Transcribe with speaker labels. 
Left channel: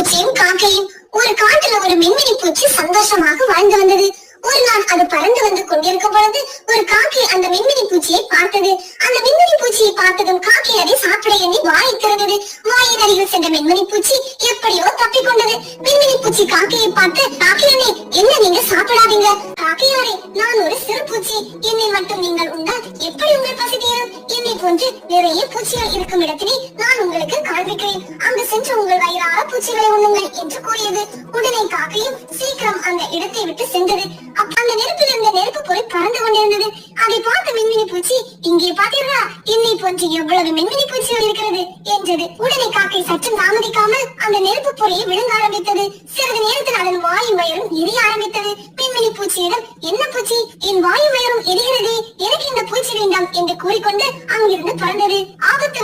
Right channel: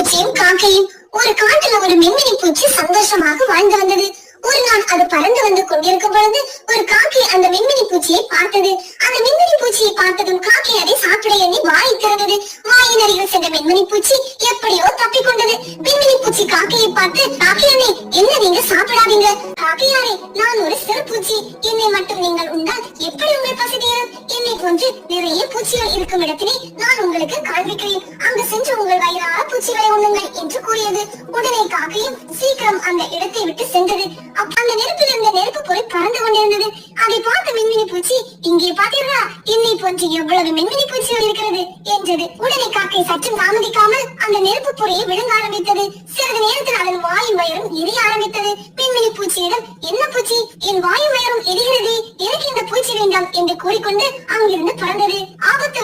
Speaker 1: பூச்சியும் காக்கையும் ஒரு காட்டுல ஒரு மின்மினி பூச்சி சந்தோஷமாக வாழ்ந்து வந்தது. ஒரு நாள் அது பறந்து வந்து கொண்டிருக்கும் பொழுது ஒரு காக்கை அந்த மின்மினி பூச்சியை பார்த்தது. அந்த மின்மினி பூச்சியை பார்த்ததும் காக்கை அதை சாப்பிட எண்ணி வாயை திறந்தது. வாயின் அருகில் சென்ற மின்மினி பூச்சி எப்படியோ தப்பி கொண்டது. மின்மினி பூச்சி காக்கையை பார்த்து காக்கையனே என்ன நீங்க சாப்பிடாதீங்க? காக்கையாரே நான் ஒரு சிறு பூச்சி. என்னை மட்டும் நீங்கள் உண்டால் எப்படி உங்கள் பசி தீரும் என்னை போன்று நிறைய பூச்சிகள் இருக்கும் இடத்தினை நான் உங்களுக்கு காண்பிக்கிறேன். அங்கு சென்று உங்கள் வயிறார என்று கூறியது. உடனே காக்கையும் சீக்கிரம் அந்த இடத்தை விட்டு சென்றது. அந்த நெருப்பில் இருந்த நெருப்பு பொறி பறந்து கொண்டிருந்தது. அதை பார்த்த மின்மினி பூச்சி இங்கே பார்த்தீர்களா என்னை போன்று எவ்வளவு மின்மினி பூச்சிகள் இருக்கிறது என்றது. உடனே காக்கை சற்று தாமதிக்காமல் அந்த நெருப்பு பொறியை விழுங்க ஆரம்பித்தது. சிறிது நேரத்தில் அதன் வாயு வயரும் எரிய ஆரம்பித்தது. மின்மினி பூச்சியிடம் என்ன பூச்சி? என் வாயு வயரும் எரிகிறது. எனக்கு இந்த பூச்சி வேண்டாம் என்று கூறிக்கொண்டு அங்கிருந்து பறந்தது. ஆபத்து